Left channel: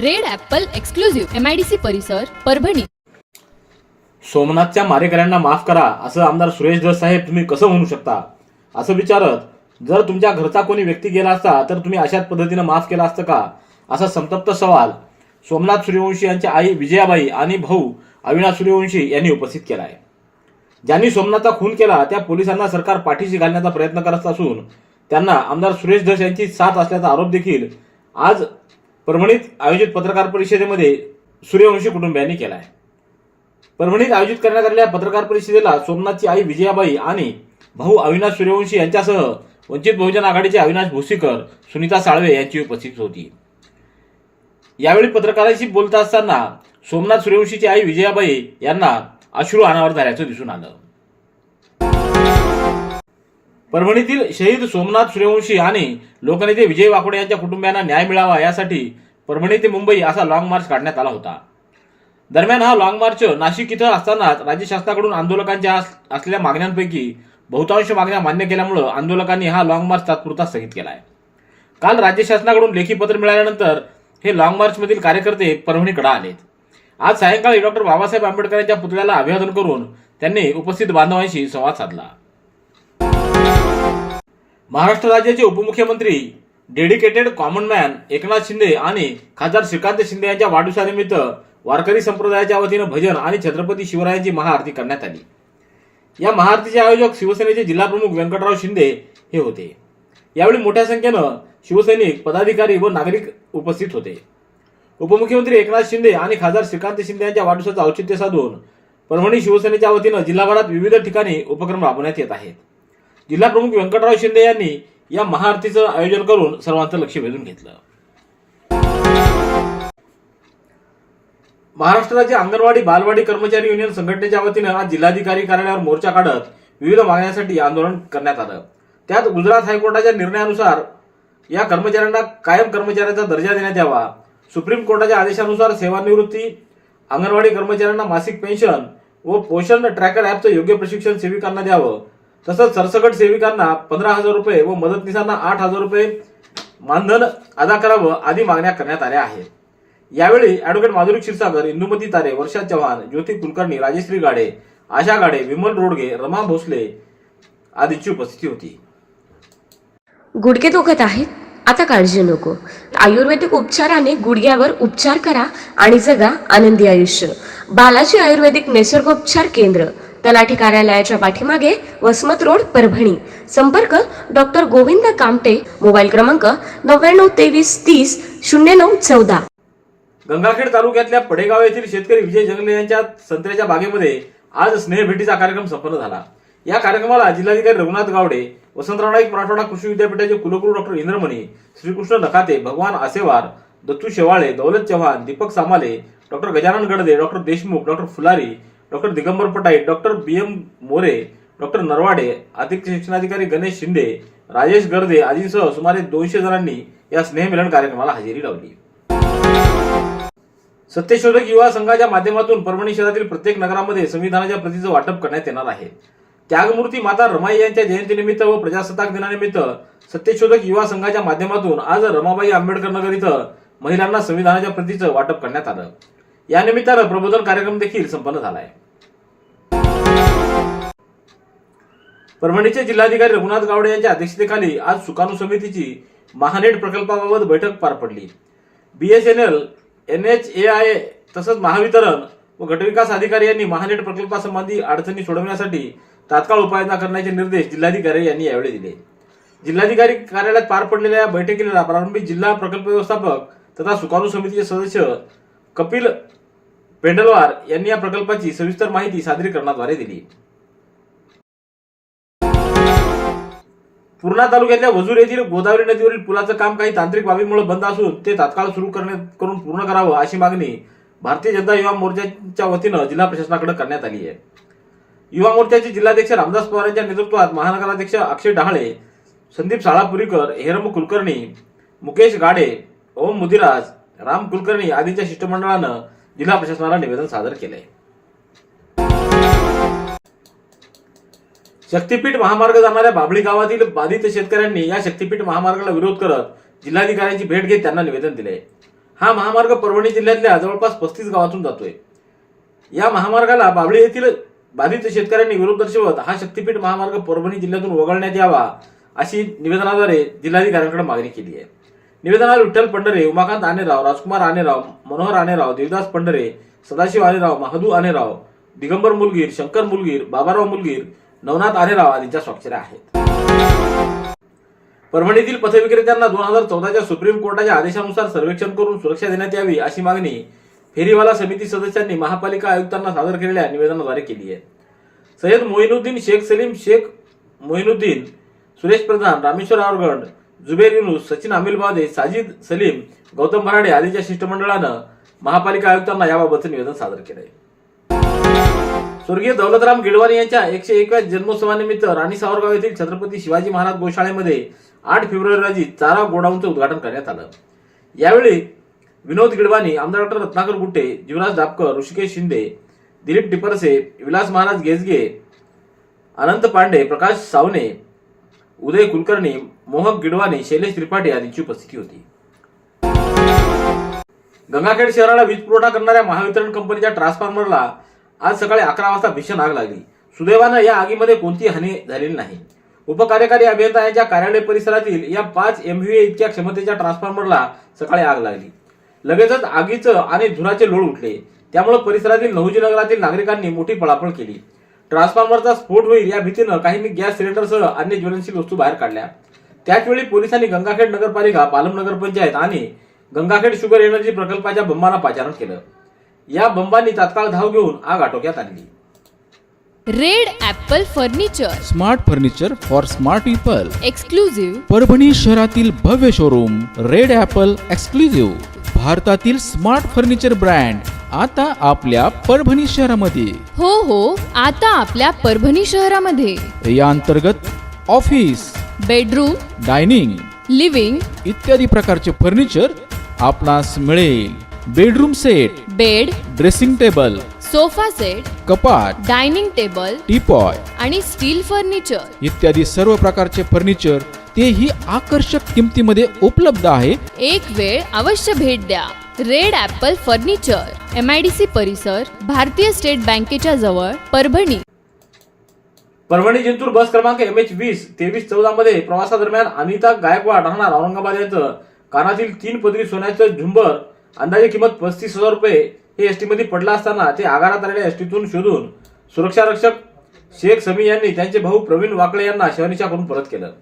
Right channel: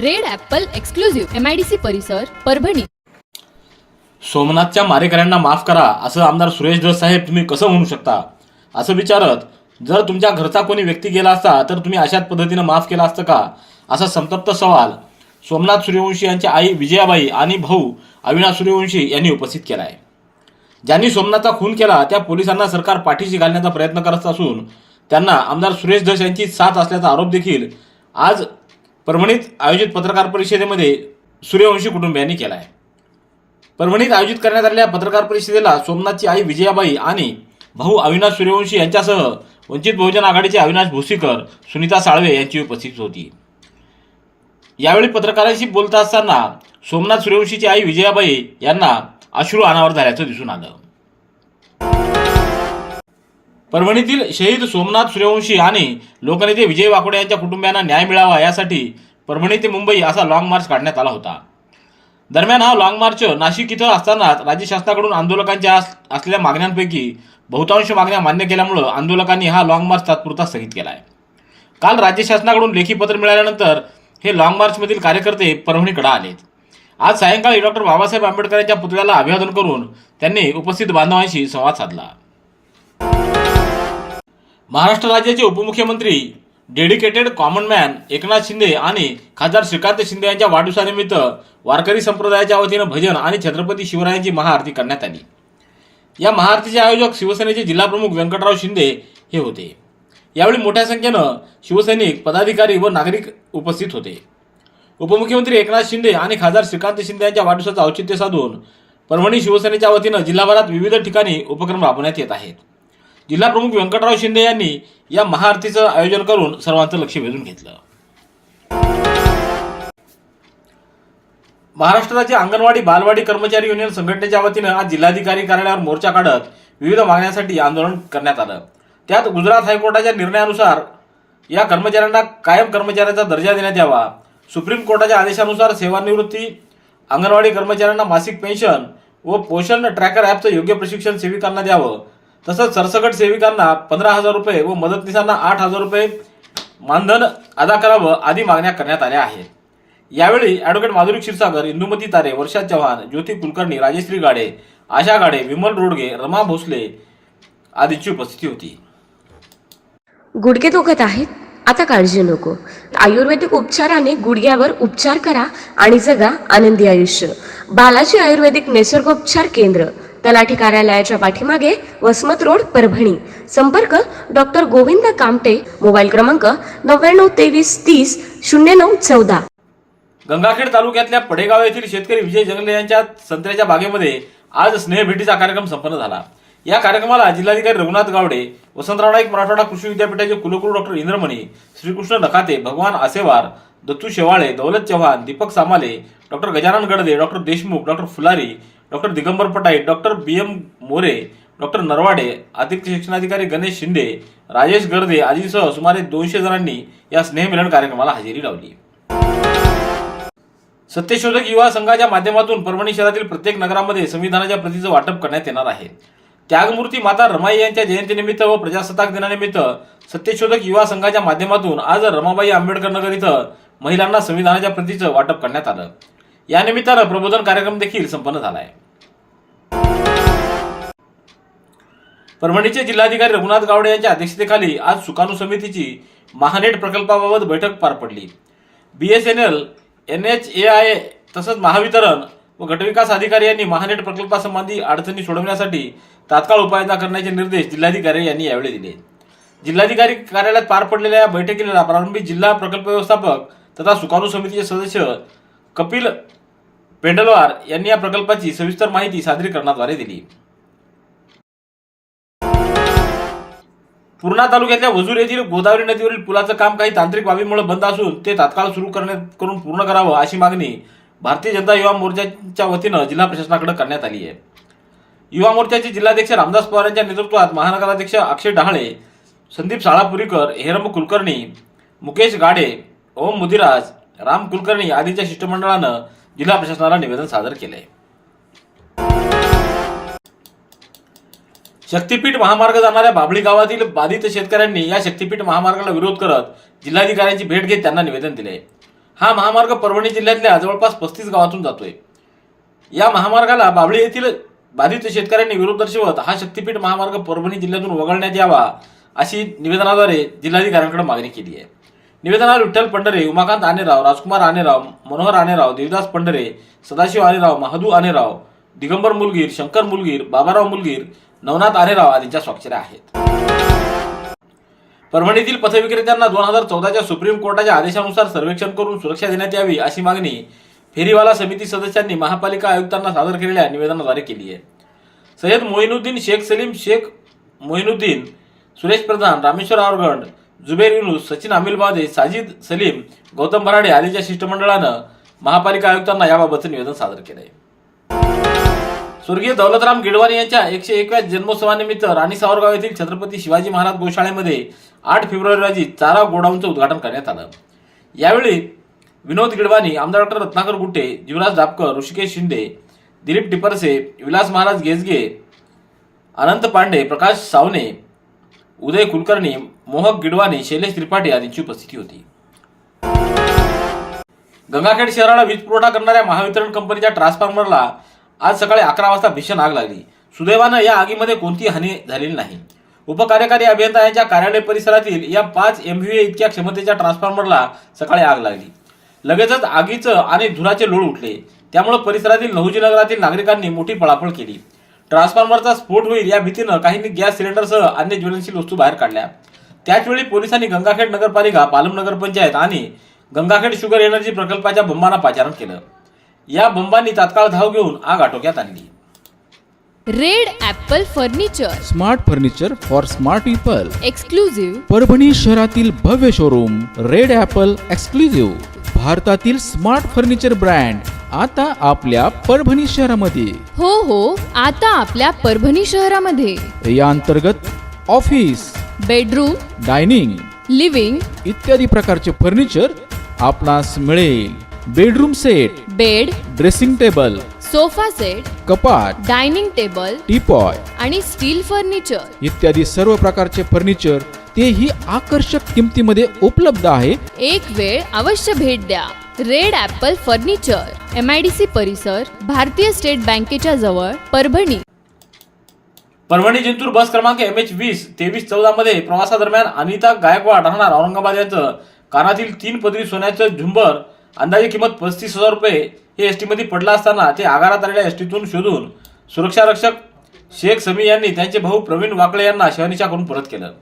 Red Apple exclusive. MIDC परिसर परभणी. सोमनाथच्या मारेकऱ्यांना माफ करा असं आमदार सुरेश धस साहेब तुम्ही कसं म्हणू शकता? असं विचारत जर तुमच्या घरचा कोणी व्यक्ती गेला असता तर तुम्ही अशाच पद्धतीनं माफ केला असतं का? असा संतप्त सवाल सोमनाथ सूर्यवंशी यांच्या आई विजयाबाई आणि भाऊ अविनाश सूर्यवंशी यांनी उपस्थित केला आहे ज्यांनी सोमनाथचा खून केला त्या पोलिसांना सरकार पाठीशी घालण्याचा प्रयत्न करत असून त्यांना आमदार सुरेश धस यांची साथ असल्याचा आरोप देखील आज परभणीत आयोजित पत्रकार परिषदेमध्ये सूर्यवंशी कुटुंबियांनी केला आहे परभणीत आयोजित करण्यात आलेल्या पत्रकार परिषदेला सोमनाथची आई विजयाबाई आणि भाऊ अविनाश सूर्यवंशी यांच्यासह वंचित बहुजन आघाडीचे अविनाश भोसीकर सुनीता साळवे यांची उपस्थित होती. यावेळी पत्रकारांशी बोलत असताना सोमनाथ सूर्यवंशीची आई विजयाबाई यांना अश्रू अनावर झाल्याचं दिसून आलं. परभणीतील शहीद सोमनाथ सूर्यवंशी आणि लोकनेते विजय वाकोडे यांच्या कुटुंबियांना न्याय मिळावा यासाठी परभणी ते मुंबई असा लाँग मार्च काढण्यात आला होता. दरम्यान हा लाँग मार्च नाशिक इथं असताना राज्य शासनाकडून आंदोलकांच्या असलेल्या मागण्यांपैकी बहुतांश मागण्या मान्य केल्यामुळं आंदोलकांनी हा लाँग मार्च तात्पुरता स्थगित केला आहे काल राज्य शासनाकडून लेखी पत्र मिळाल्यानंतर हे लॉंग मार्चमधील कार्यकर्ते परभणीकडे आलेत. आज सायंकाळी डॉक्टर बाबासाहेब आंबेडकर यांच्या पुतळ्याला अभिवादन करून त्यांनी उपस्थित बांधवांशी संवाद साधला. महाराष्ट्र राज्याचे उपमुख्यमंत्री dedicated common man Eknath Shinde आणि खासदार श्रीकांत शिंदे यांच्या वाढदिवसानिमित्त वारकरी संप्रदायाच्या वतीनं भजन आणि छत्रपती शिवरायांची महाआरती करण्यात आली. या महाआरतीचे आयोजक शिवसेनेचे जिल्हाप्रमुख व्यंकटराव शिंदे हे होते. यावेळी मोठ्या संख्येनं शिवसैनिक पदाधिकारी व नागरिक उपस्थित होते. उपमुख्यमंत्री एकनाथ शिंदे आणि खासदार श्रीकांत शिंदे यांच्या वाढदिवसाचं औचित्य साधून परभणी शिवसेनेच्या वतीनं जिल्हाभरात विविध ठिकाणी उपक्रम राबवण्यात येत आहेत. जिल्हाप्रमुख व्यंकटराव शिंदे यांनी या महाआरतीचं आयोजन करून सर्वांचं लक्ष वेधून घेतलं. महाराष्ट्र राज्य अंगणवाडी बालवाडी कर्मचारी युनियन संघटनेच्या वतीनं आज जिल्हाधिकारी कार्यालयावर मोर्चा काढत विविध मागण्यांसाठी आंदोलन करण्यात आलं. त्यात गुजरात हायकोर्टाच्या निर्णयानुसार या कर्मचाऱ्यांना कायम कर्मचाऱ्याचा दर्जा देण्यात यावा. सुप्रीम कोर्टाच्या आदेशानुसार सेवानिवृत्ती अंगणवाडी कर्मचाऱ्यांना मासिक पेन्शन व पोषण ट्रॅकर ॲपचं योग्य प्रशिक्षण सेविकांना द्यावं. तसंच सरसकट सेविकांना पंधरा हजार रुपये व मदतनीसांना आठ हजार रुपये मानधन अदा करावं आदी मागण्या करण्यात आल्या आहेत. यावेळी ॲडव्होकेट माधुरी क्षीरसागर इंदुमती तारे वर्षा चव्हाण ज्योती कुलकर्णी राजेश्री गाडे आशा गाडे विमल रोडगे रमा भोसले आदीची उपस्थिती होती. गुडघे दुखत आहेत? आता काळजी नको. आयुर्वेदिक उपचाराने गुडघ्यावर उपचार करा आणि जगा आनंदी आयुष्य. बालाजी आयुर्वेदिक निसर्गोपचार केंद्र. तलाठी कार्यालयाच्या पाठीमागे वसमत रोड परभणी. संपर्क डॉक्टर गोविंद कामटे मोबाईल क्रमांक नव्याण्णव तेवीस तीस शून्य नऊ चौदा. गंगाखेड तालुक्यातल्या पडेगाव येथील शेतकरी विजय जंगले यांच्या संत्र्याच्या बागेमध्ये आज स्नेहभेटीचा कार्यक्रम संपन्न झाला. या कार्यक्रमाला जिल्हाधिकारी रघुनाथ गावडे वसंतराव नाईक मराठवाडा कृषी विद्यापीठाचे कुलगुरू doctor Indramani Shrikrishna Nakhate Bhagwan Asewar Dattu Shewale Daulat Chavan Deepak Samale doctor Gajanan Gadade doctor Deshmukh doctor Phulari doctor Digambar Pataeet doctor B M More doctor Narwade अतिरिक्त शिक्षणाधिकारी गणेश शिंदे राजेश गर्दे आदींसह सुमारे दोनशे जणांनी या स्नेहमिलन कार्यक्रमाला हजेरी लावली. सत्यशोधक युवा संघाच्या माध्यमातून परभणी शहरातील प्रत्येक नगरामध्ये संविधानाच्या प्रतीचं वाटप करण्यात येणार आहे. त्यागमूर्ती माता रमाई यांच्या जयंतीनिमित्त व प्रजासत्ताक दिनानिमित्त सत्यशोधक युवा संघाच्या माध्यमातून आज रमाबाई आंबेडकर नगर इथं महिलांना संविधानाच्या प्रतीचं वाटप करण्यात आलं. यानिमित्तानं प्रबोधन कार्यक्रम देखील संपन्न झाला आहे परभणीचे जिल्हाधिकारी रघुनाथ गावडे यांच्या अध्यक्षतेखाली आज सुकाणू समितीची महानेट प्रकल्पाबाबत बैठक पार पडली. B S N H A I तसंच महावितरण व गटविकास अधिकारी यांनी महानेट प्रकल्पासंबंधी अडचणी सोडवण्यासाठी तात्काळ उपाययोजना करण्याचे निर्देश जिल्हाधिकारी यांनी यावेळी दिले. जिल्हाधिकारी कार्यालयात पार पडलेल्या या बैठकीला प्रारंभी जिल्हा प्रकल्प व्यवस्थापक तथा सुकाणू समितीचे सदस्य कपिल पेंडलवार यांनी या प्रकल्पाची सविस्तर माहिती सादरीकरणाद्वारे दिली. पूर्णा तालुक्यातल्या वजूर येथील गोदावरी नदीवरील पुलाचं काम काही तांत्रिक बाबीमुळे बंद असून ते तात्काळ सुरू करण्यात करून पूर्ण करावं अशी मागणी भारतीय जनता युवा मोर्चाच्या वतीनं जिल्हा प्रशासनाकडे करण्यात आली आहे. युवा मोर्चाचे जिल्हाध्यक्ष रामदास पवार यांच्या नेतृत्वात महानगराध्यक्ष अक्षय डहाळे संदीप साळापुरीकर हेरम कुलकर्णी मुकेश गाडे ओम मुदिराज राम कुलकर्णी आदींच्या शिष्टमंडळानं जिल्हा प्रशासनाला निवेदन सादर केलं आहे शक्तीपीठ महामार्ग जाणाऱ्या बाभळी गावातील बाधित शेतकऱ्यांनी या शक्तीपीठ महामार्गाला विरोध करत जिल्हाधिकाऱ्यांची भेट घेत त्यांना निवेदन दिले. हा महामार्ग परभणी जिल्ह्यातल्या जवळपास पस्तीस गावातून जातोय. या महामार्गाला बाभळी येथील बाधित शेतकऱ्यांनी विरोध दर्शवत हा शक्तीपीठ महामार्ग परभणी जिल्ह्यातून वगळण्यात यावा अशी निवेदनाद्वारे जिल्हाधिकाऱ्यांकडे मागणी केली आहे. निवेदनात विठ्ठल पंढरे उमाकांत आनेराव राजकुमार आनेराव मनोहर आनेराव देवदास पंढरे सदाशिव आनेराव महादू आनेराव दिगंबर मुलगीर शंकर मुलगीर बाबाराव मुलगीर नवनाथ आरेराव आदींच्या स्वाक्षऱ्या आहेत. परभणीतील पथविक्रेत्यांना दोन हजार चौदाच्या सुप्रीम कोर्टाच्या आदेशानुसार सर्वेक्षण करून सुरक्षा देण्यात यावी अशी मागणी फेरीवाला समिती सदस्यांनी महापालिका आयुक्तांना सादर केलेल्या निवेदनाद्वारे केली आहे. सय्यद मोइनुद्दीन शेख सलीम शेख मोहिनुद्दीन सुरेश प्रधान रामेश्वर आवगंड जुबेर युनुस सचिन अमिलबादे साजिद सलीम गौतम बराडे आदींच्या शिष्टमंडळानं महापालिका आयुक्तांना याबाबतचं निवेदन सादर केलंय. स्वर्गीय दौलतराम गिडवाणी यांच्या एकशे एकव्या जन्मोत्सवानिमित्त राणी सावरगाव येथील छत्रपती शिवाजी महाराज गोशाळेमध्ये आठ फेब्रुवारी रोजी चारा गोडाऊनचं उद्घाटन करण्यात आलं. यावेळी विनोद गिडवाणी आमदार डॉक्टर रत्नाकर गुट्टे जीवराज डापकर ऋषिकेश शिंदे दिलीप टिपरसे विलास महाराज गेजगे अनंत पांडे प्रकाश सावने उदय कुलकर्णी मोहक गिडवाणी शैलेश त्रिपाठी आदींची उपस्थिती होती. गंगाखेड शहराला वीज पुरवठा करणाऱ्या महावितरण कंपनीच्या ट्रान्सफॉर्मरला आज सकाळी अकरा वाजता भीषण आग लागली. सुदैवानं या आगीमध्ये कोणती हानी झालेली नाही. उपकार्यकारी अभियंता यांच्या कार्यालय परिसरातील या पाच एमव्हीए इतक्या क्षमतेच्या ट्रान्सफॉर्मरला सकाळी आग लागली. लगेचच आगीचं आणि धुराचे लोळ उठले. त्यामुळे परिसरातील नहुजी नगरातील नागरिकांनी मोठी पळापळ केली. ट्रान्सफॉर्मरचा स्फोट होईल या भीतीनं काहींनी गॅस सिलेंडरसह अन्य ज्वलनशील वस्तू बाहेर काढल्या. त्याचवेळी पोलिसांनी गंगाखेड नगरपालिका पालम नगरपंचायत आणि गंगाखेड शुगर एनर्जी प्रकल्पाच्या बंबांना पाचारण केलं. या बंबांनी तात्काळ धाव घेऊन आग आटोक्यात आणली. Red apple furniture. Smart furniture for smart people. Exclusive Parbhani शहरातील भव्य शोरूम रेड ॲपल एक्सक्लुझिव्ह भारतातील स्मार्ट फर्निचर ब्रँड आता आपल्या परभणी शहरामध्ये. हो हो आता आपल्या परभणी शहरामध्ये. या अंतर्गत ऑफिस बेडरूम डायनिंग लिव्हिंग इत्यादी प्रकारचे फर्निचर आपणास मिळेल. Bedroom set bed dressing table sofa set कपाट डायनिंग टेबल टीपॉय आणि स्टील फर्निचर. इत्यादी सर्व प्रकारचे फर्निचर तेही आकर्षक किमतीमध्ये उपलब्ध आहे. एक वेळ अवश्य भेट द्या. Red Apple furniture M I D C परिसर भारतीय स्टेट बँकेच्या जवळ परभणी. परभणी जिंतूर बस क्रमांक एम एच वीस तेवीस चौदा मध्ये प्रवासादरम्यान अनिता गायकवाड राहणार औरंगाबाद यांचं. कानातील तीन पदरी सोन्याचं झुंबर अंदाजे किंमत पस्तीस हजार रुपये हे एसटी मध्ये पडला असताना ते आगारात आलेल्या एसटीतून शोधून सुरक्षारक्षक शेख समी यांनी त्यांचे भाऊ प्रवीण वाकळे यांना शहनिशा करून परत केलं.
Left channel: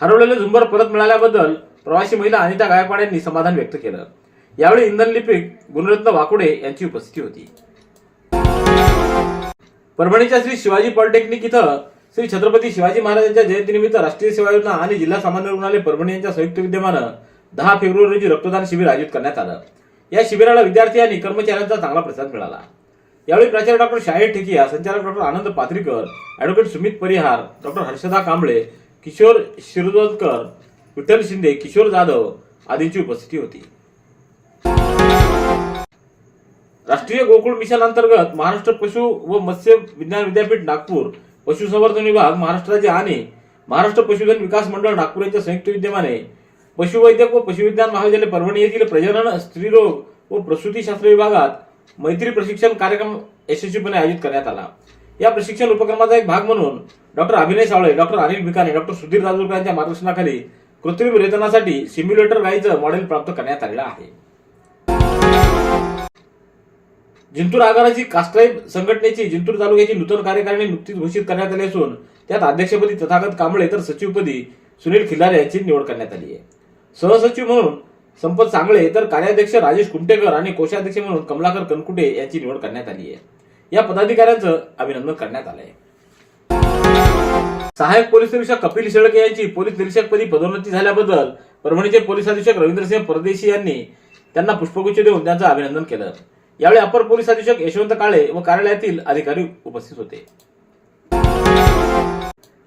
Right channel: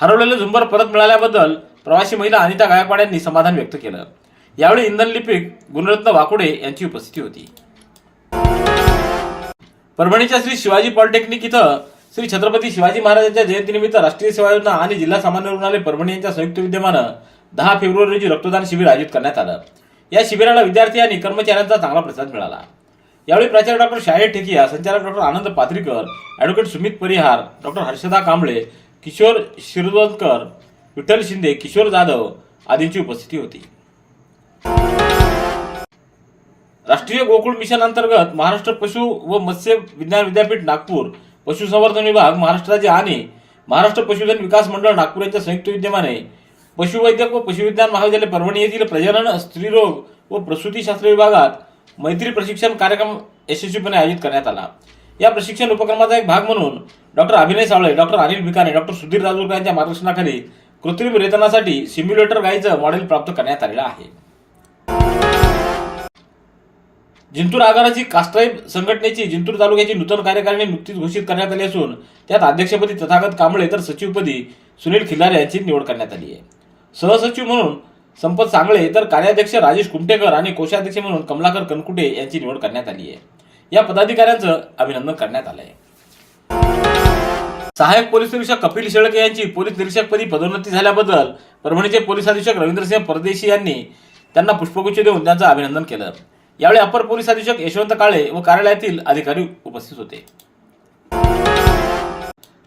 हरवलेलं झुंबर परत मिळाल्याबद्दल प्रवासी महिला अनिता गायकवाड यांनी समाधान व्यक्त केलं. यावेळी इंधन लिपिक गुणरत्न वाकुडे यांची उपस्थिती होती. परभणीच्या श्री शिवाजी पॉलिटेक्निक इथं श्री छत्रपती शिवाजी महाराजांच्या जयंतीनिमित्त राष्ट्रीय सेवा योजना आणि जिल्हा सामान्य रुग्णालय परभणी यांच्या संयुक्त विद्यमानं दहा फेब्रुवारी रोजी रक्तदान शिबिर आयोजित करण्यात आलं. या शिबिराला विद्यार्थी आणि कर्मचाऱ्यांचा चांगला प्रतिसाद मिळाला. यावेळी प्राचार्य डॉक्टर शाहीर ठेकिया संचालक doctor Anand Patrikar advocate Sumit Parihar doctor Harshada Kamble Kishor Shirwalkar Vitthal Shinde Kishor Jadhav आदींची उपस्थिती होती. राष्ट्रीय गोकुळ मिशन अंतर्गत महाराष्ट्र पशु व मत्स्य विज्ञान विद्यापीठ नागपूर पशुसंवर्धन विभाग महाराष्ट्र राज्य आणि महाराष्ट्र पशुधन विकास मंडळ नागपूर यांच्या संयुक्त विद्यमाने पशुवैद्यक व पशुविज्ञान महाविद्यालय परभणी येथील प्रजनन स्त्रीरोग व प्रसूतीशास्त्र विभागात मैत्री प्रशिक्षण कार्यक्रम यशस्वीपणे आयोजित करण्यात आला. या प्रशिक्षण उपक्रमाचा एक भाग म्हणून doctor Abhinay Savle doctor Anil Bhikane doctor Sudhir Rajurkar यांच्या मार्गदर्शनाखाली कृत्रिम रेतनासाठी सिम्युलेटर गाईचं मॉडेल प्राप्त करण्यात आलेलं आहे. जिंतूर आगाराची कास्ट्राईब संघटनेची जिंतूर तालुक्याची नूतन कार्यकारिणी नुकतीच घोषित करण्यात आली असून त्यात अध्यक्षपदी तथागत कांबळे तर सचिवपदी सुनील खिल्लारे यांची निवड करण्यात आली आहे. सहसचिव म्हणून संपत सांगळे तर कार्याध्यक्ष राजेश कुमटेकर आणि कोषाध्यक्ष म्हणून कमलाकर कनकुटे यांची निवड करण्यात आली आहे. या पदाधिकाऱ्यांचं अभिनंदन करण्यात आलं आहे सहाय्यक पोलीस निरीक्षक कपिल शेळके यांची पोलीस निरीक्षकपदी पदोन्नती झाल्याबद्दल परभणीचे पोलीस अधीक्षक रवींद्रसिंह परदेशी यांनी त्यांना पुष्पगुच्छ देऊन त्यांचं अभिनंदन केलं. यावेळी अपर पोलीस अधीक्षक यशवंत काळे व कार्यालयातील अधिकारी उपस्थित होते.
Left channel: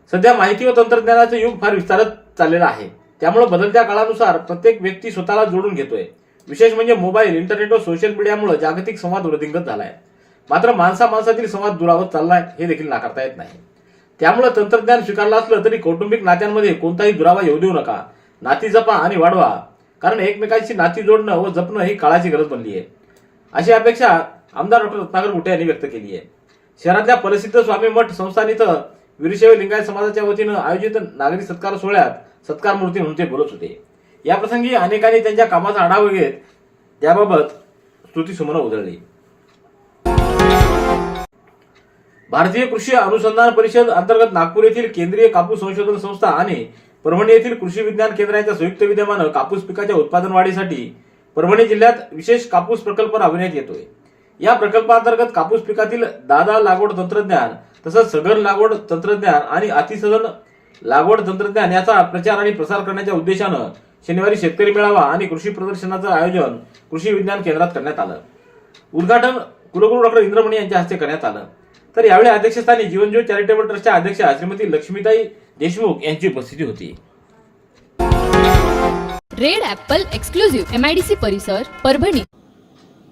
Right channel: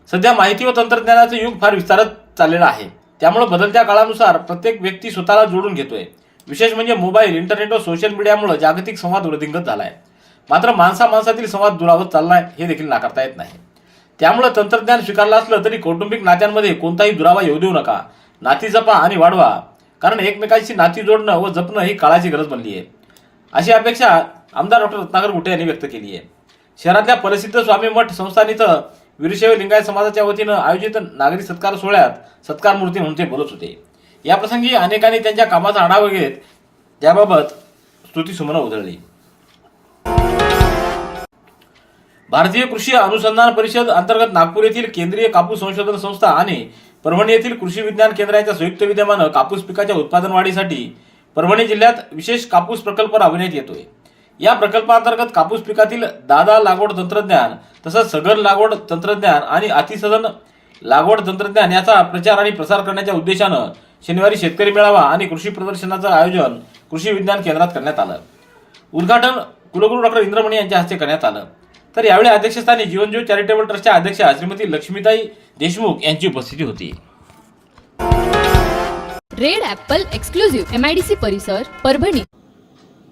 सध्या माहिती व तंत्रज्ञानाचं युग फार विस्तारत चाललेलं आहे. त्यामुळे बदलत्या काळानुसार प्रत्येक व्यक्ती स्वतःला जोडून घेतोय. विशेष म्हणजे मोबाईल इंटरनेट व सोशल मीडियामुळे जागतिक संवाद वृद्धिंगत झालाय. मात्र माणसा माणसातील संवाद दुरावत चाललाय हे देखील नाकारता येत नाही. त्यामुळे तंत्रज्ञान स्वीकारलं असलं तरी कौटुंबिक नात्यांमध्ये कोणताही दुरावा येऊ देऊ नका. नाती जपा आणि वाढवा. कारण एकमेकांशी नाती जोडणं व जपणं ही काळाची गरज बनली आहे. अशी अपेक्षा आमदार डॉक्टर रत्नाकर गुटे यांनी व्यक्त केली आहे. शहरातल्या प्रसिद्ध स्वामी मठ संस्थान इथं वीरशैव लिंगायत समाजाच्या वतीनं आयोजित नागरी सत्कार सोहळ्यात सत्कार मूर्ती म्हणून ते बोलत होते. याप्रसंगी अनेकांनी त्यांच्या कामाचा आढावा घेत त्याबाबत स्तुतीसुमनं उधळली. भारतीय कृषी अनुसंधान परिषद अंतर्गत नागपूर येथील केंद्रीय कापूस संशोधन संस्था आणि परभणी येथील कृषी विज्ञान केंद्राच्या संयुक्त विद्यमानं कापूस पिकाच्या उत्पादन वाढीसाठी परभणी जिल्ह्यात विशेष कापूस प्रकल्प राबविण्यात येतोय. या प्रकल्पांतर्गत कापूस पिकातील दादा लागवड तंत्रज्ञान तसंच सघन लागवड तंत्रज्ञान आणि अतिसघन लागवड तंत्रज्ञान याचा प्रचार आणि प्रसार करण्याच्या उद्देशानं शनिवारी शेतकरी मेळावा आणि कृषी प्रदर्शनाचं आयोजन कृषी विज्ञान केंद्रात करण्यात आलं. उद्घाटन कुलगुरू डॉक्टर इंद्रमणी यांच्या हस्ते करण्यात आलं. तर यावेळी अध्यक्षस्थानी जीवनज्योत चॅरिटेबल ट्रस्टच्या अध्यक्षा श्रीमती लक्ष्मीताई देशमुख यांची उपस्थिती होती. रेड ॲपल एक्सक्लुझिव्ह एमआयडीसी परिसर परभणी.